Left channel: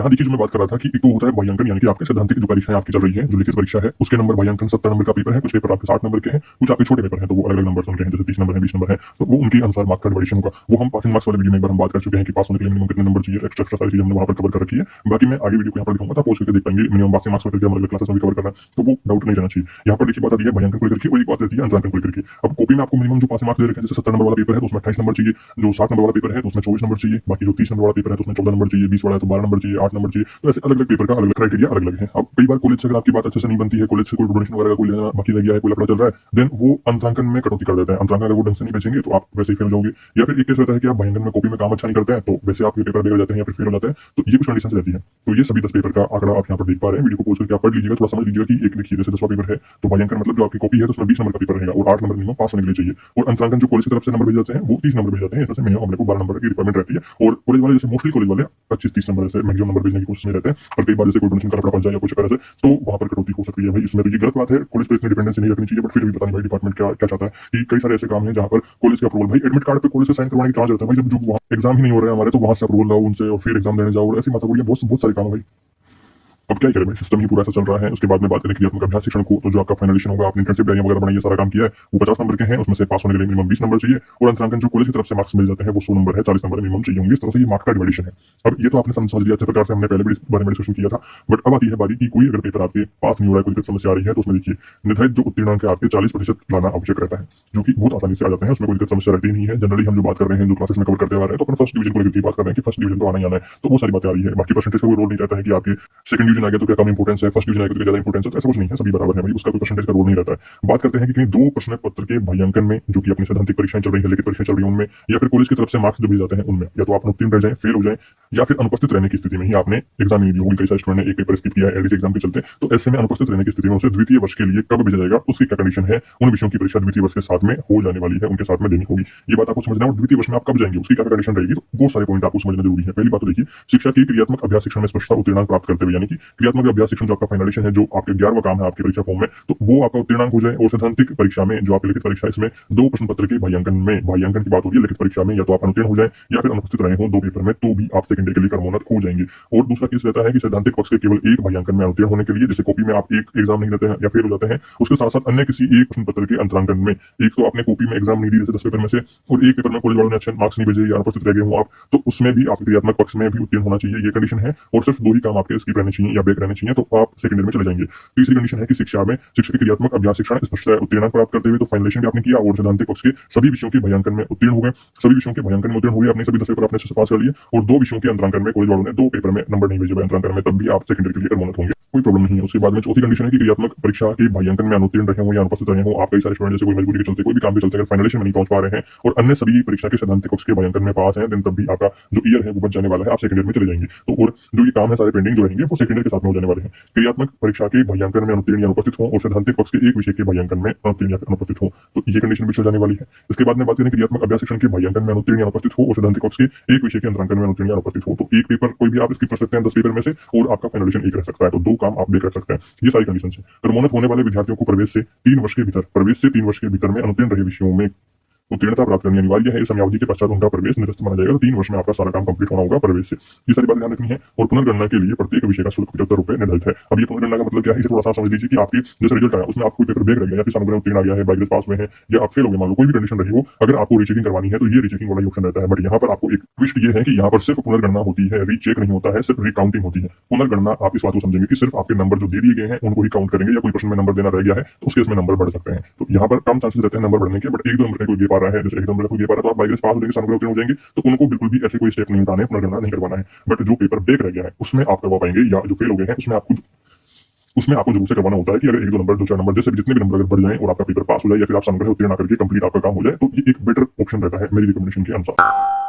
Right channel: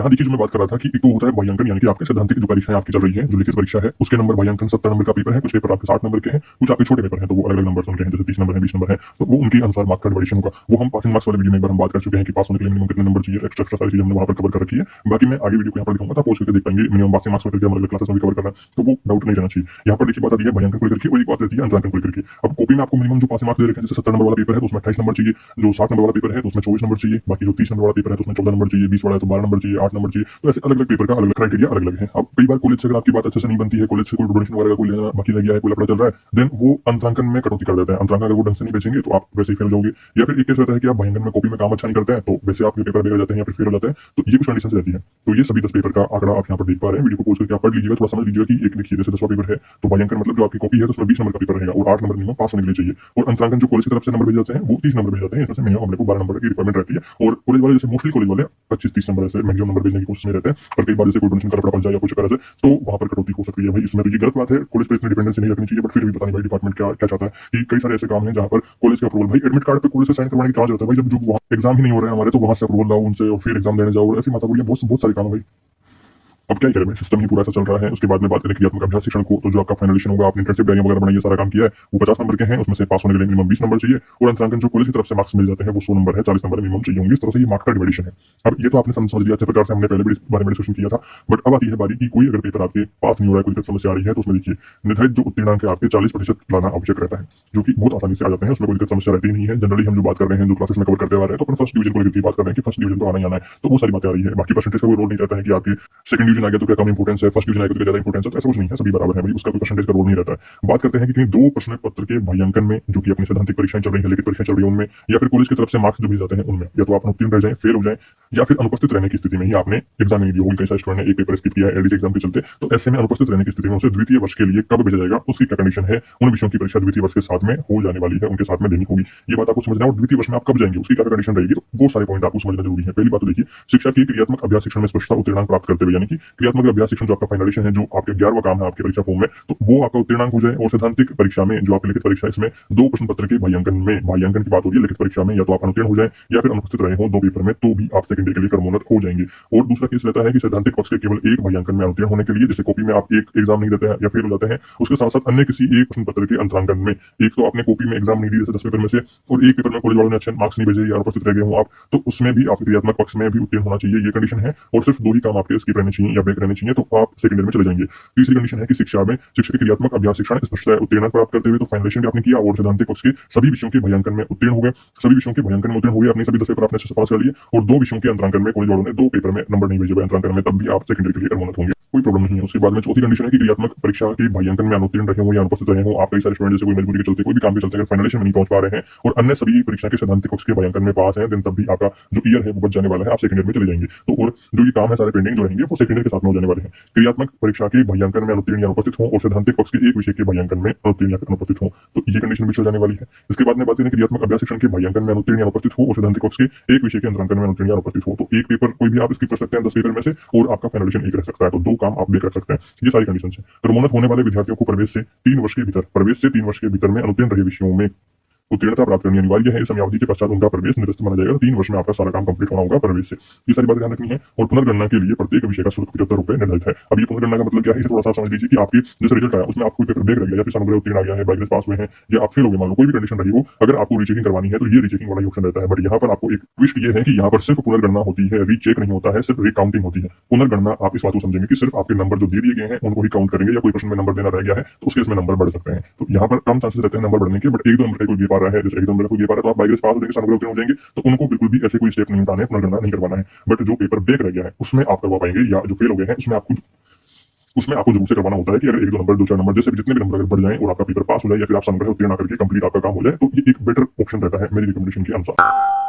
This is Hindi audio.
यहाँ देखिए जो मैं बात कर रहा था कि एक तो होता है मूल्यांकन, यानी कि आपके सैद्धांतिक जो परीक्षाएं आपकी चल रही है, जो लिखित परीक्षा है, उसके नंबर मूल्यांकन 70 नंबर का पेपर है, कुछ पेपर आपके 60 नंबर के हैं, कुछ आपके छोटे पेपर हैं, तो वो अलग-अलग नंबर उनके हैं, जैसे 30 नंबर है, 20 नंबर है, तो वो उनके अनुसार मार्क्स का डिवीजन होगा। वो हम पासिंग मार्क्स वाले वीडियो में एक बार हम बात कर चुके हैं कि पास होने के लिए मिनिमम कितने नंबर चाहिए, एक्स्ट्रा सारी चीजें हमने वहां पर कवर कर रखी है। बाकी मैं आगे वीडियो को यहाँ पर दिखाऊंगा, तो आप पहुंच करके देख पाएंगे मिनिमम पासिंग मार्क्स वगैरह हमारे क्लासेस में भी कवर करना है, तो वो डाउट नहीं रहना चाहिए। यहाँ पर देखिए बात आती है मूल्यांकन को लेकर के, और एक बात रहती है अंतरांकन को लेकर के। अब कॉपी में आपको मिनिमम जो पासिंग मार्क्स दे रखे हैं, जैसे 70 नंबर वाला पेपर है तो उसमें 28 नंबर चाहिए, जो 60 नंबर वाला पेपर है तो उसमें 24 नंबर चाहिए, बाकी जो 30 नंबर वाला पेपर है तो उसमें 14 नंबर चाहिए, 20 वाला है तो 12 नंबर चाहिए, 8 नंबर चाहिए। तो ऐसे अलग-अलग पेपर का अलग-अलग क्राइटेरिया अलग-अलग है। अब कई बार कॉलेज से अगर आपकी बात अच्छे से नहीं बनती है, कॉलेज से कोई डोनेशन वगैरह का कोई लेना बाकी रह गया है, कोई लफड़ा चल रहा है, देन वो अंतरांकन में कटौती कर देता है। अंतरांकन अगर वो ढंग से नहीं बेचेंगे तो आप वैसे ही फेल हो जाओगे। या फिर एक केस रहता है कि आप मूल्यांकन में कॉपी में काम अच्छा नहीं करते हैं, तो वैसे आपके पेपर बेकार जाते हैं या फिर फेल हो जाते हैं, तो ये कुछ कंडीशंस रहती है। तो ये सभी 10 पेपर का आंकड़ा आप यहाँ पर देख पा रहे हैं। वीडियो को पॉज करके आप पढ़ लीजिएगा, थोड़ा समझ लीजिएगा कि एक देखिए जैसे 10वां पेपर है तो मूल्यांकन मतलब जो आपकी कॉपी है तो उसमें 20 नंबर का पेपर रहेगा और 8 नंबर मिनिमम पास होने के लिए चाहिए। और अंतरांकन जो कॉलेज की तरफ से नंबर भेजे जाते हैं वो 30 नंबर भेजे जाते हैं, इसमें मिनिमम हमने को 12 नंबर की रिक्वायरमेंट रहती है। और कॉलेज वाले जैसे मोस्टली कॉलेज वाले 25-30 नंबर से मैक्सिमम नंबर भेजने की कोशिश में रहते हैं, और कई बार जैसे कोई डोनेशन का लफड़ा फंस जाए या कुछ करे तो वहां पर कटौती हो सकती है। भाई इसमें तो ये गलत बात है, कॉलेज पे इतनी डिपेंडेंसी नहीं रखनी चाहिए, बट फिर भी पता नहीं भाई डिपार्टमेंट क्या क्या चाहता है कि कई सारे ऐसे काम हैं जहां पर कॉलेज का अप्रूवल, भाई एडमिट कार्ड पे कॉलेज से साइन करवाने की क्या जरूरत है भाई, जब जो वहाँ एग्जाम ही नहीं हो रहे हैं हमारे, तो वहां से अप्रूवल लाओ उनसे और फिर एग्जाम देने जाओ, ऐसी माता बहुत बहुत सारे काम है भाई। अब क्या करें, सिस्टम ही पूरा ऐसा चल रहा है। उसके बाद में बात करें क्रियात्मक अभ्यास शिक्षण को, तो जो आपका फाइनलेशन होगा, आपने इंटर्नशिप डायरी वगैरह बनाई है, सारा काम किया है, वो 50 नंबर के हैं, उसमें से पास होने के लिए मिनिमम 20 नंबर चाहिए। और अंतरांकन जो कॉलेज की तरफ से मार्क्स मिल जाते हैं वो 100 नंबर है, 40 नंबर मिनिमम चाहिए होंगे। इस तरह से ये मार्क्स का डिवीजन है। अब ये तो आपने समझ लिया, अच्छे प्रकार से हमने पहले भी इस बारे में डिस्कशन किया था। बट अब आती है बारी कि कोई अगर पेपर आपके पास नहीं हो रहा है, कोई दिक्कत समस्या आ रही है, तो उसमें देखिए निर्धारित जो उत्तीर्णांक है आपके 40% लाना आवश्यक रहता है, जो कि बहुत आसानी से आ जाते हैं, उसमें कोई दिक्कत समस्या रहती नहीं है। जनरली हम जो बात कर रहे हैं, जो क्लासेस में कवर करते आ रहे हैं, तो अपन फर्स्ट डिवीजन को लेकर बात कर रहे हैं कि फर्स्ट डिवीजन तो आना ही आना है, तो वो सारी बातें आ रही है। बाकी परसेंटेज का कोई रोल नहीं रहता है कि आपके सेकंड डिवीजन आ गया तो क्या कम इंपोर्टेंस है, फर्स्ट डिवीजन आ गया तो ज्यादा इंपोर्टेंस है, ऐसा कुछ नहीं है, सभी बराबर है भाई, उसका कोई परसेंटेज का रोल नहीं रहता है। बात करते हैं कि कहीं दो प्रश्न पत्र के मूल्यांकन में, जो कि अपनी सैद्धांतिक परीक्षाएं चल रही है, लिखित परीक्षाएं चल रही है उनमें, या फिर कॉलेज की तरफ से मार्क्स जो भी जाते हैं उनमें, या तो आप उत्तीर्ण रह जाएं, फेल हो जाएं, या फिर अनुपस्थित रहने की स्थिति में ही आपने एग्जाम नहीं दी होगी। कई सारे स्टूडेंट ने एक पेपर स्किप किया है एलडीसी एग्जाम के चलते, तो ऐसे में अनुपस्थित रहने की स्थिति में उसे द्वितीय वर्ष के लिए कब भेजा जाएगा, उसकी क्या कंडीशन है, उन विषयों की परीक्षा द्वितीय वर्ष के साथ में हो जाने वाली है, उनके साथ में देनी होगी। ये बात आपको समझना है। और द्वितीय वर्ष में आप कब जाएंगे, उसकी क्या कंडीशन रहेगी, तो बहुत सारे पॉइंट आपको समझना जरूरी है। पहली बात तो देखिए, शिक्षा के क्रियात्मक अभ्यास शिक्षण में स्पष्टता उत्तीर्णांक प्राप्त करते हुए, यानी कि क्रियात्मक अभ्यास शिक्षण जो आपका फाइनलेशन है, जो आपके 11वां काम है आपकी परीक्षा फॉर्म में, तो वो आपका उत्तीर्णांक हो जाए। और सैद्धांतिक परीक्षा में जो आपकी लिखित परीक्षा, इसमें दो प्रश्न पत्र के मूल्यांकन की बात होगी। लिखित परीक्षा में या तो आप अनुत्तीर्ण हो जाए या फिर अनुपस्थित रहे हो दो पेपर में, तो भी आप सेकेंडरी के लिए क्रमोन्नत हो जाएंगे। और दूसरा केस रहता है कि सैद्धांतिक पक्ष के केवल एक मूल्यांकन में अनुत्तीर्ण होने के लिए, जैसे कॉपी में आप एक एग्जाम नहीं देते हैं या फेल हो जाते हैं, उसके साथ साथ अन्य किसी एक प्रश्न पत्र के अंतरांकन में, एक तो आपने कॉपी में एग्जाम नहीं दी जैसे 10 पेपर में से, और एक पेपर में कॉलेज वालों ने अच्छे मार्क्स नहीं भेजे या अनुपस्थित रह गए हो आप, तो उसमें भी आपके क्रियात्मक पक्ष में भी उत्तीर्ण होना चाहिए, ये कंडीशन है। और सिर्फ दो ही काम आपके स्किप रहने चाहिए या बैक रहने चाहिए, तो आप सेकेंडरी में चले जाएंगे। तीसरी कंडीशन है कि शिक्षा में शिक्षक के क्रियात्मक अभ्यास शिक्षण स्पष्ट उत्तीर्णांक प्राप्त करते हुए, तो फाइनलेशन भी आपने किया और सैद्धांतिक पक्ष के सभी विषयों के मूल्यांकन में उत्तीर्ण हो गए, सभी विषयों के मूल्यांकन में उत्तीर्ण हो गए, अपने सभी 10 पेपर आपने अच्छे से पास कर लिए, और दो विषयों के अंतरांकन में कॉलेज वालों ने दो पेपर में नंबर नहीं भेजे हुए अंतरांकन में, तब भी आप सेकेंडरी के लिए क्रमोन्नत होंगे, कोई प्रॉब्लम नहीं है। उसके बाद में चौथी कंडीशन है कि क्रियात्मक परीक्षा के मूल्यांकन में अनुत्तीर्ण रहे हो या अनुपस्थित रहे हो आप, कई सारे स्टूडेंट जैसे कोई मजबूरी के चलते, कोई भी काम के चलते अगर फाइनलेशन में नहीं पहुंच पा रहे हैं और अन्य सभी परीक्षा के सैद्धांतिक पक्ष के मूल्यांकन में पास हैं, देन तब भी आपका जो ईयर है वो बच जाने वाला है, आप सेकेंडरी में चले जाएंगे। तो और जो ये काम है सारे पेंडिंग जो रहेंगे वो सेकेंडरी के साथ में हो जाने वाले हैं। क्रियात्मक परीक्षा के मूल्यांकन में अनुत्तीर्ण या अनुपस्थित हो और सैद्धांतिक पक्ष के एक विषय के मूल्यांकन में अनुत्तीर्ण या अनुपस्थित हो, तो ये कंडीशन भी हो जाने वाली है। इसके बाद में बात करें क्रियात्मक अभ्यास शिक्षण के मूल्यांकन में अनुत्तीर्ण या अनुपस्थित हो और सैद्धांतिक पक्ष के एक विषय के अंतरांकन में अनुत्तीर्ण या अनुपस्थित हो, तो एक पेपर कोई भी आप स्किप कर सकते हैं 10 पेपर में से, और आपका फाइनलेशन एक रह सकता है, तो दो काम आप भी कर सकते हैं। ये सारी कंडीशन है। क्रमोन्नत होने वाले विद्यार्थियों को प्रवेश से 3 वर्ष के भीतर में अनुत्तीर्ण रहे विषयों में उत्तीर्णता प्राप्त करनी अनिवार्य है। इस समयावधि के पश्चात उनका प्रवेश निरस्त माना जाएगा, तो 3 वर्ष में आपका सारा काम कंप्लीट होना होगा प्रवेश से। ये सारी बातें ध्यान रखनी है। और पुनर्गणना के लिए प्रत्येक विषय का शुल्क 75 रुपए निर्धारित है। अब ये पुनर्गणना का मतलब क्या है, इसे थोड़ा सा समझ लीजिए कि आपकी जैसे रिजल्ट आया उसमें आपको पेपर बैक रह गया या फिर सानुग्रह उत्तीर्ण आ गया है, बाइग्रेस पास हुए हैं, या आप फेल हो गए, मान लो कोई भी कंडीशन रही हो, अगर आपको रीचेकिंग करवानी है तो ये रीचेकिंग वाला ऑप्शन रहता है। बट यहाँ पर आपको एक ट्विस्ट ये है कि यहाँ पर सिर्फ पुनर्गणना होती है, रीचेक नहीं होता है, सिर्फ रिकाउंटिंग होती है। पुनर्गणना आप इस बात को समझेंगे कि सिर्फ आपके नंबर जो दे दिए गए हैं उनको ही काउंट करेंगे, या कोई प्रश्न में नंबर देना रह गया है तो उसके इसमें नंबर बढ़ सकते हैं। तो यहाँ पर कम चांसेस रहते हैं नंबर बढ़ने के, बट एक दो नंबर कोई दे पा रहा है, जैसे एक दो नंबर कोई दे पा रहा है, तो आप बाइग्रेस पास हो जाएंगे, सानुग्रह उत्तीर्ण हो जाएंगे, तो उनको बिल्कुल भी ऐसे कोई स्टेप नहीं उठाने, पुनर्गणना नहीं करवाना है। बट जो पेपर बैक रह गया है उसमें आप करवा पाएंगे, या जो फेल हो गए हैं उसमें आपको जरूर से करवाना होता है कि अगर एक दो नंबर, दो चार नंबर, जैसे जितने भी नंबर अगर बढ़ जाए और आपका पेपर पास हो जाए या फिर आप सानुग्रह उत्तीर्ण करके कंप्लीट आपका काम हो जाए, तो ये एक बेटर ऑप्शन रहता है मेरी रिकमेंडेशन के अनुसार।